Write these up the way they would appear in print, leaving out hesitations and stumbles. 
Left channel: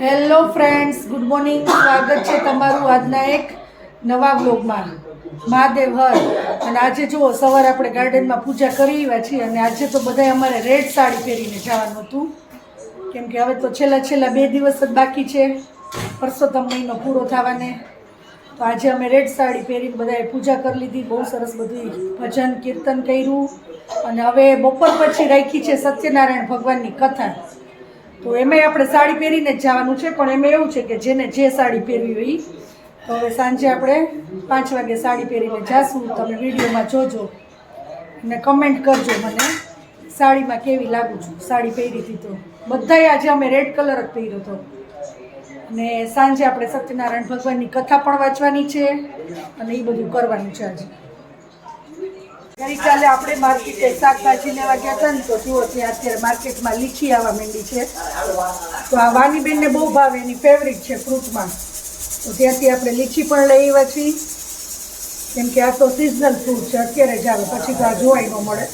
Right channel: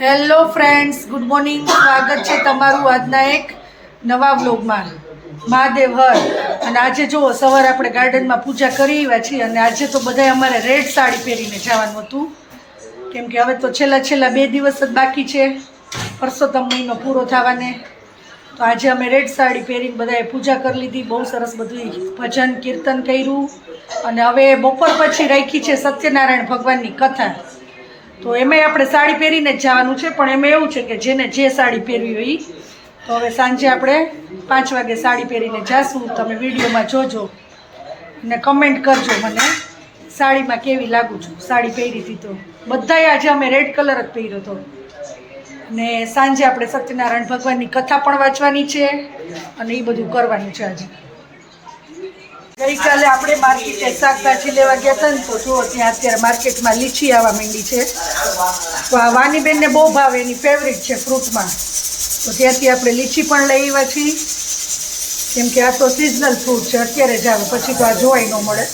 Hello friends, good morning. સ્વાગત છે તમારું આજના એક નવા વ્લોગમાં. મહાદેવ હર. અને આજે જુઓ, સવારે આપણે ગાર્ડનમાં પૂજા કરી આવ્યા છીએ અને આજે તો બધાય અમારે રેડ સાડી પહેરીને જવાનું હતું, કેમ કે હવે તો છેલ્લા 2 દિવસ જ બાકી છે પરસોત્તમ મહિનો પૂરો થવાને. તો આજે અમે રેડ સાડી પહેરીને બધાએ પૂજા કરી લીધી. બહુ સરસ બધું ભજન કીર્તન કર્યું અને હવે બપોર પછી રાખી છે સત્યનારાયણ ભગવાનની કથા. તો એમાંય આપણે સાડી પહેરીને જ જવાનું છે, પણ એમાં એવું છે કે જેને જે સાડી પહેરવી હોય એ. તો હવે સાંજે આપણે 5 વાગે સાડી પહેરીને જાશું. તમે વિડીયોમાં જોજો અને કમેન્ટ કરજો મને સાડીમાં કેવી લાગુ છું. સાડી પહેરી હતી તો બધાએ આજે અમે રેડ કલર જ પહેર્યો હતો. ને સાંજે આપણે સત્યનારાયણ ભગવાનની કથા પણ વાંચવાની છે અને એ બધું કરવાનું છે આજે. ગઈકાલે આપણે માર્કેટે શાકભાજી લેવા ગયા હતા ને, તો જુઓ ત્યાં અત્યારે માર્કેટમાં લીચી આવવા માંડી છે. તો આ વાનીબેનને બહુ ભાવે, એની ફેવરિટ છે ફ્રૂટમાં. તો ત્યાંથી આપણે લીચી પણ લઈ આવ્યા છીએ, કેમ કે આ તો સિઝનલ ફ્રૂટ છે, અત્યારે જ આવે, પછી તો આ જોવાય ન મળે.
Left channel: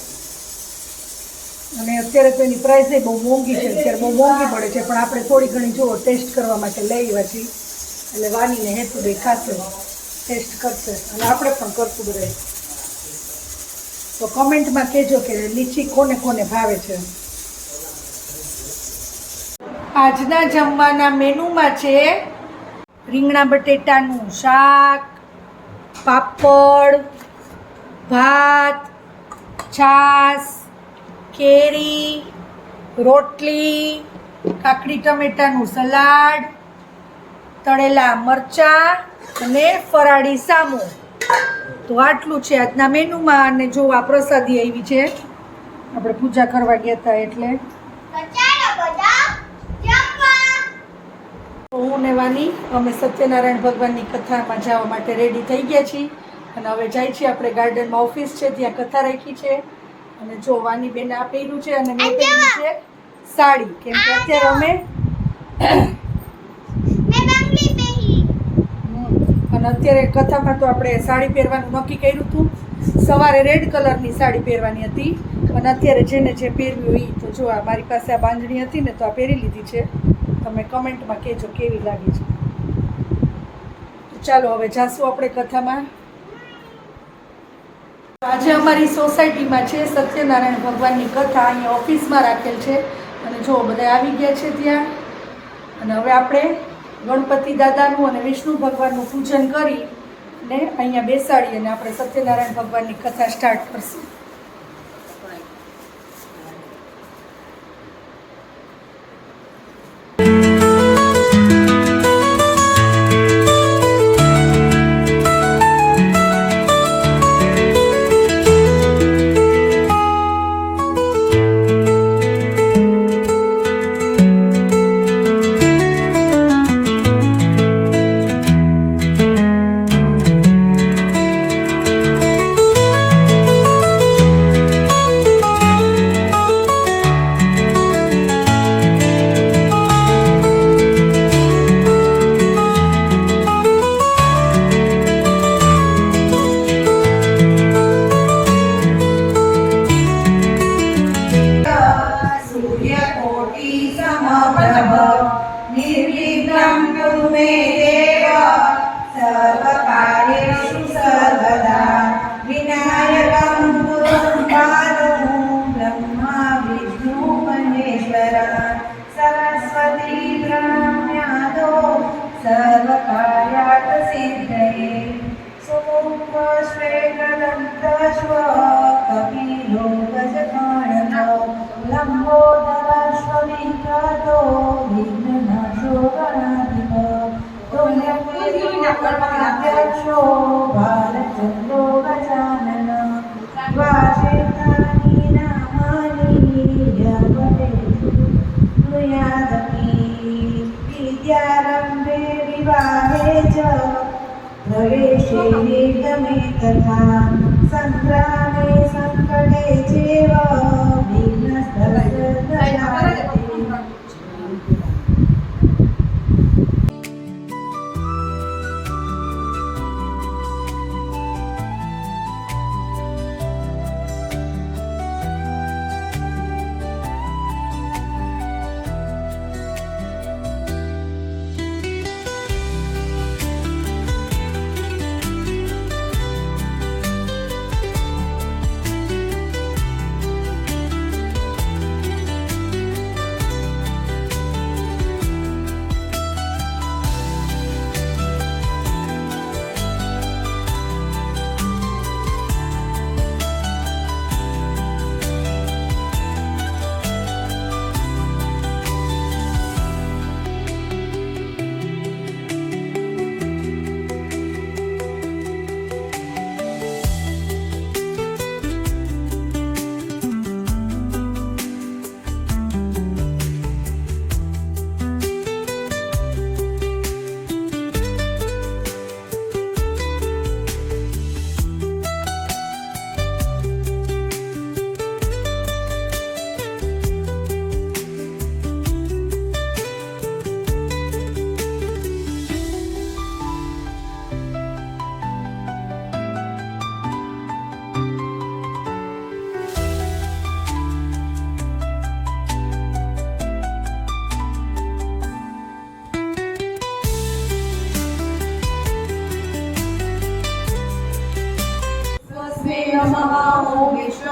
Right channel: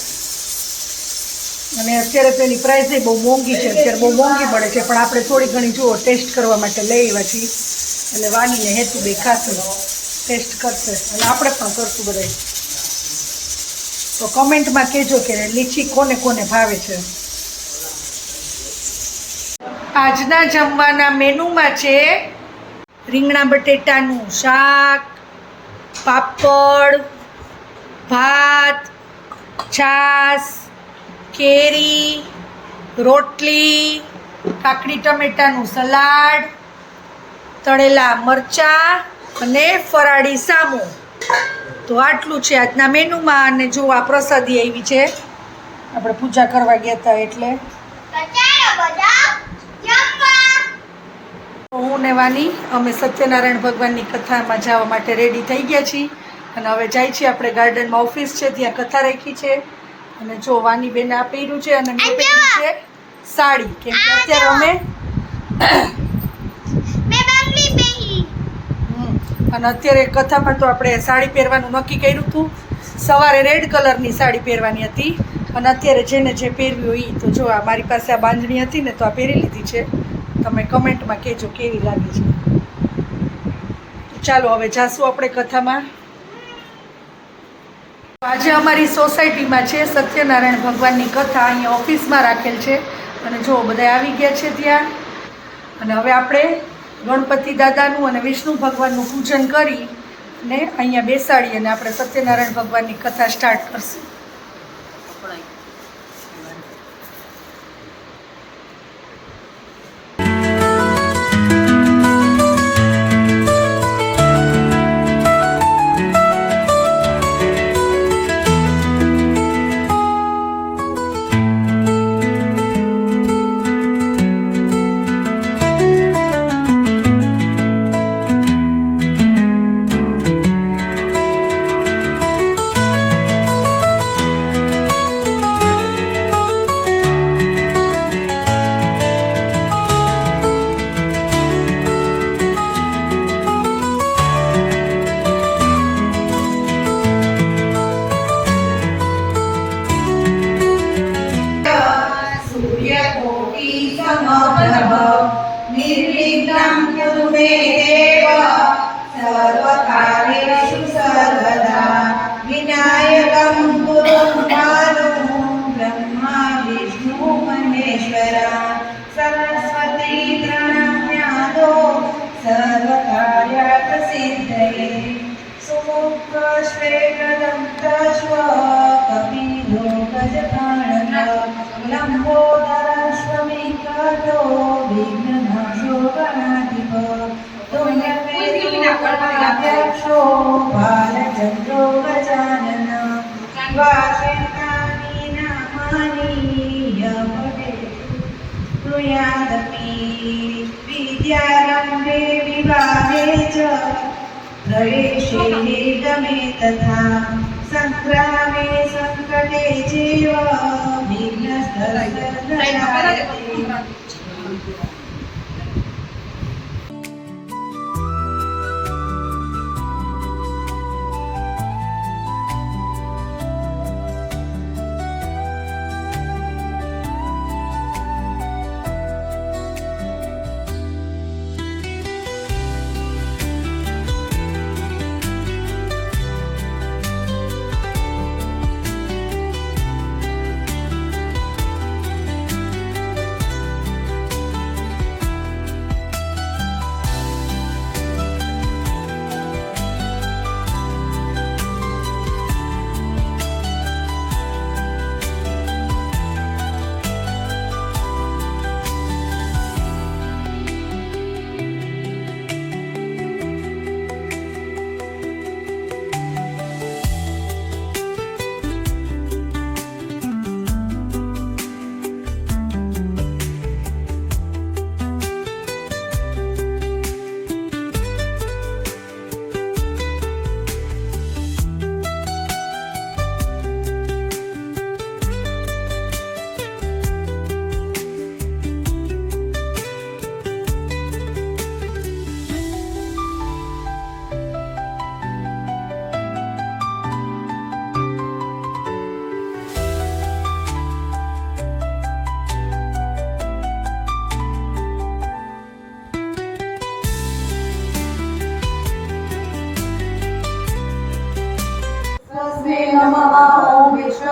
અને અત્યારે તો એની પ્રાઇસ બહુ મોંઘી છે, અત્યારે બહુ મોંઘી મળે છે, પણ આપણે થોડી ઘણી જુઓ ટેસ્ટ કરવા માટે લઈ આવ્યા છીએ. એટલે વાનીને હેતુ બે ખાશે, ટેસ્ટ કરશે અને આપણે પણ કરશું બધાય. તો કમેન્ટમાં કહેજો કે લીચી કોને કોને ભાવે છે. આજના જમવાના મેનુમાં છે રીંગણા બટેટાનું શાક, પાપડ, ભાત, છાશ, કેરી, રોટલી, કાકડી ટમેટાનું સલાડ, તળેલા મરચાં અને ફરાળી સામો. તો આટલું છે આજના મેનુમાં. અને જો આ પ્રસાદી આવી છે, આપણે પૂજા કરવા ગયા હતા એટલે. હું ને વાની અમે સત્યનારાયણ ભગવાનની કથામાં જવા માટે રેડી થઈ ગયા છીએ અને હવે જાય છીએ આપણે ગાર્ડનમાં. ઓફિસ છે ત્યાં કથા રાખી છે. અને જો વાની બેને આ પહેર્યું છે અને મેં પહેર્યું છે સાડી, કેમ કે અત્યારે અમે અને અત્યારે કથામાં તો આપણે સાડી પહેરવાનું નક્કી કર્યું હતું. સવારે રેડ કલરની સાડી પહેરવાની હતી અને અત્યારે જેને જે પહેરવી હોય એ. તો જો આ મારી પાસે આ બાંધણી હતી ને, તો આ પહેરી લીધી છે. તમે કમેન્ટમાં કહેજો કેવી લાગે છે. ચાલો હવે જાશું આપણે કથામાં. આજે અમારી સોસાયટીમાં છે સત્યનારાયણ ભગવાનની કથા, અહીંયા ઓફિસમાં રાખેલ છે. અને જો બધા આવી ગયા છે ત્યાં. અને હવે આપણે ગણપતિ દાદાનું અને વિષ્ણુ ભગવાનનું પૂજન કરી ને અહીંયા બેસાડી અને આપણે સત્યનારાયણ ભગવાનની કથા સ્ટાર્ટ કરશું. निर्विघ्नं कुरु मे देव सर्वकार्येषु सर्वदा विनायकं गुरुं पादं ब्रह्मा विष्णु महेश्वरा सरस्वती प्रणम्यादो सर्वकार्यार्थ सिद्धये सुमुखश्वेतदन्तश्व कपिलो गजगणक लम्बोदरश्वमिकातो विघ्ननाशो गणाधिप तुल्यमेरुकर्णाध्यक्षो बालचन्द्रो गजानन वाचेतानि नामानि यपते ब्रूयादपि विद्यारम्भे विवाहे च प्रवेशे गमे तथा संग्रामे संकटे चैव विघ्नस्तस्य न जायते।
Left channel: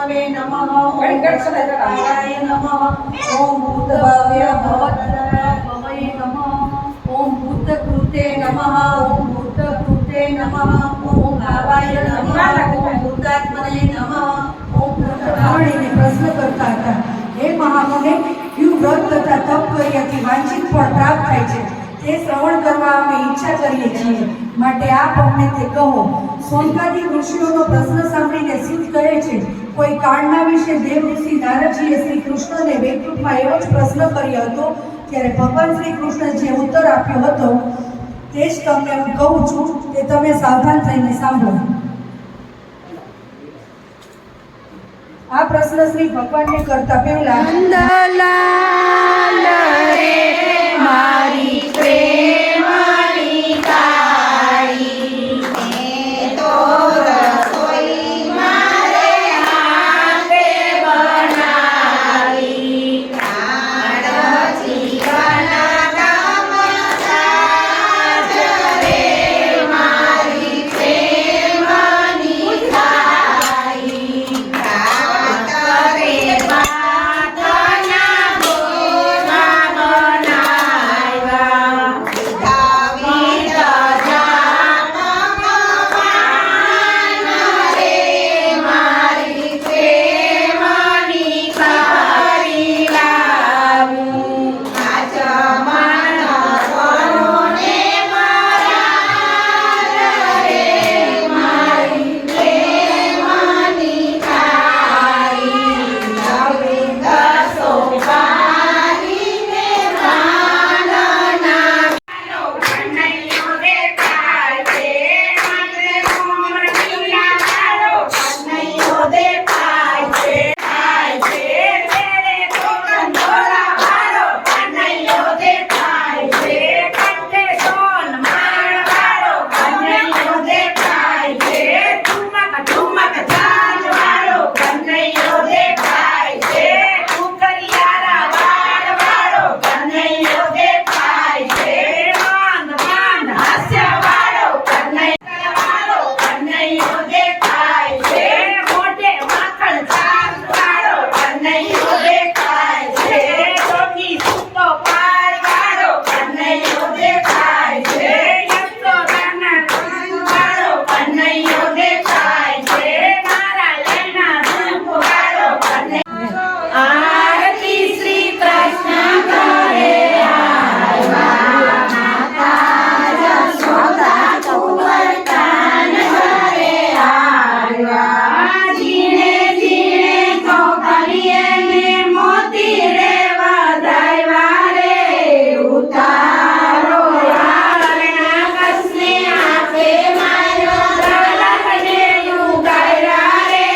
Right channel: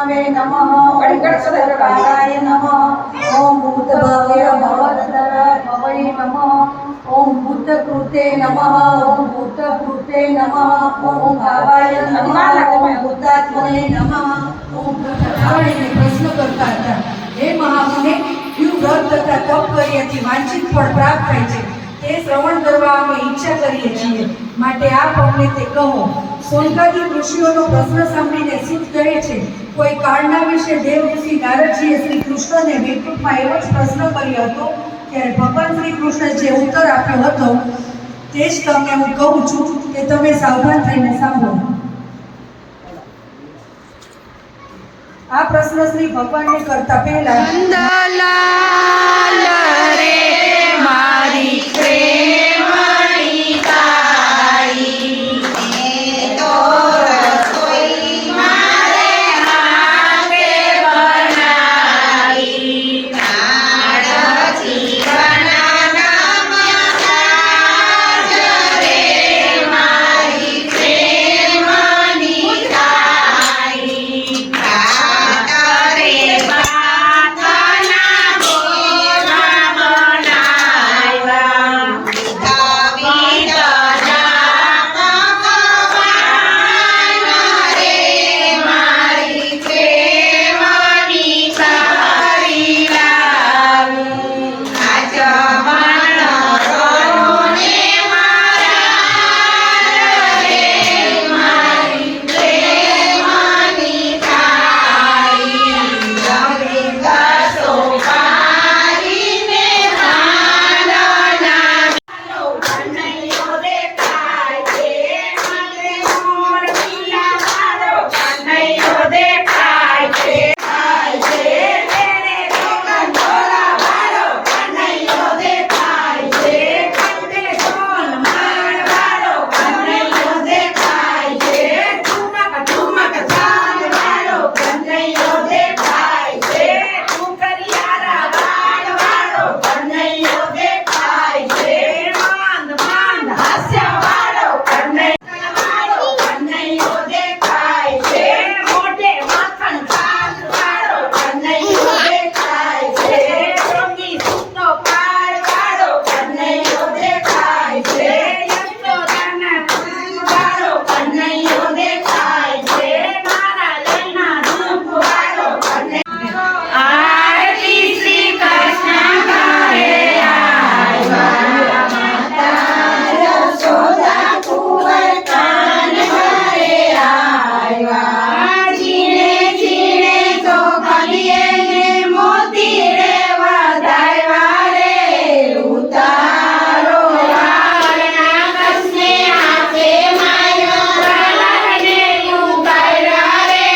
વિષ્ણવે નમઃ ઓમ ગણપતાય નમઃ ઓમ ભૂતભવ્ય ભવત્રભવૈ નમઃ ઓમ ભૂતકૃતે નમઃ ઓમ ભૂતકૃતે નમઃ ઓમ ભાવાય નમઃ ઓમ ભૂતાત્મને નમઃ ઓમ ભૂતભાવને પ્રશ્ન કરતા હતા, હે મહામુને, કયું વ્રત તથા તપ કર્યાથી વાંછિત ફળ પ્રાપ્ત થાય છે તે શ્રવણ કરવા અમે ઈચ્છા કરીએ છીએ, માટે આપ અમને તે કહો. સોનકાદી ઋષિઓનો પ્રશ્ન સાંભળીને સિદ્ધ કહે છે, કોઈ કાળના વિશે દેવ ઋષિ નારદજીએ શ્રી કૃષ્ણને વૈકુંઠમાં એવો જ પ્રશ્ન કર્યો હતો, ત્યારે ભગવાન શ્રી કૃષ્ણે જે ઉત્તર આપ્યો હતો તે જ તમને હું કહું છું કે તમે સાવધાન થઈને સાંભળો. આ પ્રશ્ન શ્રી ભગવાનને કરતા પહેલા નંદલાલ રે મારી પ્રેમની તારી તો રસોઈ મારે હાથે બનાવી પ્રાણ જીવનના મહારાજ રે મારી પ્રેમની તારી કરે માથાના બોલા બનાવ્યા વિધા ભગવાન રે મારી પ્રેમની તારી લાવું આ જમણ રોને મારા રે મારી પ્રેમની તારી ગોવિંદ સોપારીને પ્રાણના કનૈયો દેખાય છે મંદે મોર મીરાનો કનૈયો દેખાય છે તેરે ગોગંધોરા વાળો કનૈયો દેખાય છે કંઠે સોન માળ વાળો કનૈયો દેખાય છે ઠુમક ઠુમક ચાલ વાળો કનૈયો દેખાય છે કુકરિયારા વાળ વાળો કનૈયો દેખાય છે માંદ માંદ હાસ્ય વાળો કનૈયો દેખાય છે મોઢે માખણ છાલ વાળો કનૈયો દેખાય છે રોગી સૂતો પાળ વાળો કનૈયો દેખાય છે યશોદાના કાન વાળો કનૈયો દેખાય છે મારા લઈના ધૂપ વાળો કનૈયો આરતી શ્રી કૃષ્ણ કરે આવ્યા માતા યશોદા કુંવર કાન કરે આવ્યા જીણે જીણે તો કલીએ ને મોતી રે વધાવ્યા રે ઉતારો યારના કસને હાથે માર્યો રલને લુગાડ્યા રે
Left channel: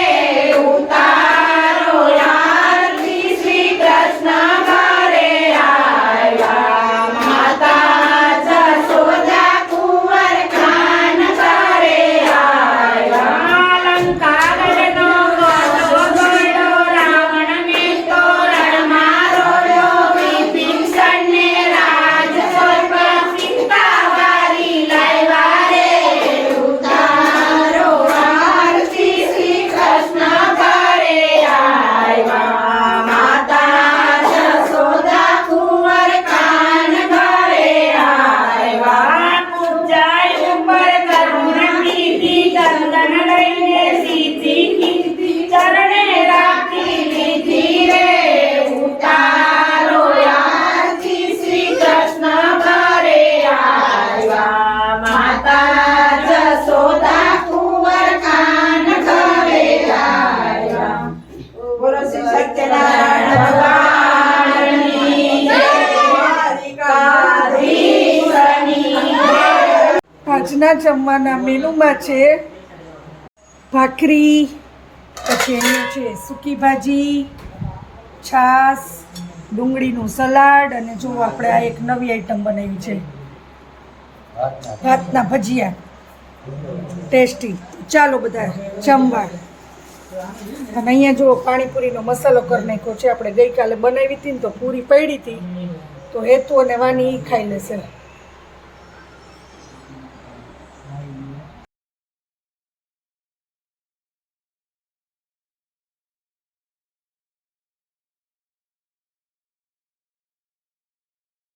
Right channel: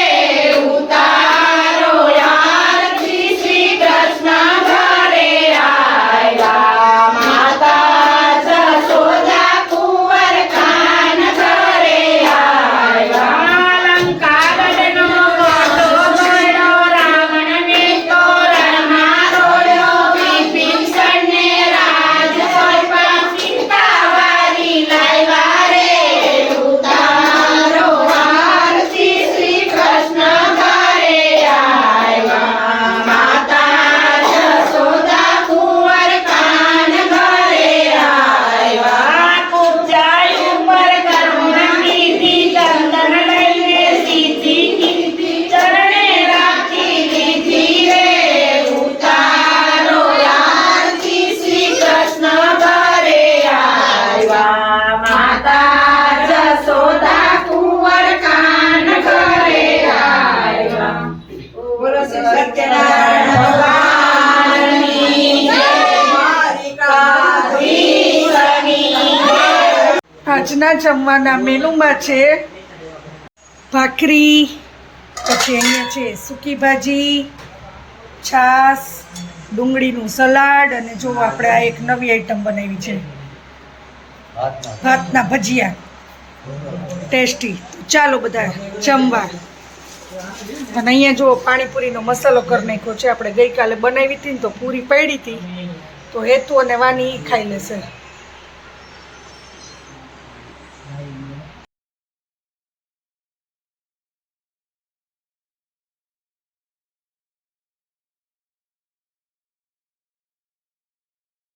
ઉતારો યારથી શ્રી કૃષ્ણ ઘરે આવ્યા માતા જશોદા કુંવર કાન ઘરે આવ્યા લંકાગઢનો ગોળો જોડ્યો રાવણને તોરણમાં રોળ્યો વિભીષણને રાજ સ્વર્પ સીતાવારી લાવ્યા રે ઉતારો આરતી શ્રી કૃષ્ણ ઘરે આવ્યા માતા જશોદા કુંવર કાન ઘરે આવ્યા કુજાઈ ઉપર કરુણ કીધી ચંદન લઈને સીધી કીધી ચરણે રાખી લીધી રે ઉતારો આરતી શ્રી કૃષ્ણ ઘરે આવ્યા માતા જશોદા કુંવર કાન ઘરે આવ્યા. બોલો શ્રી સત્યનારાયણ ભગવાનની જય. દ્વારિકાધીશની જય. આજના જમવાના મેનુમાં છે ભાખરી, પછી અહીંયા છે સૂકી ભાજી, છાશ, ડુંગળીનું સલાડ અને જો આપણે આ એક નવી આઈટમ બનાવી છે ભાતના ભજીયા, ટેસ્ટી. ચાલો બધા જમવા. અને અહીંયા જો પાણીપુરીનો મસાલો કરી નાખ્યો છે. આપણે ગઈકાલે બનાવી હતી ને તો પૂરી પડી હતી, તો હેતુ અને વાની ઈ ખાઈ લેશે.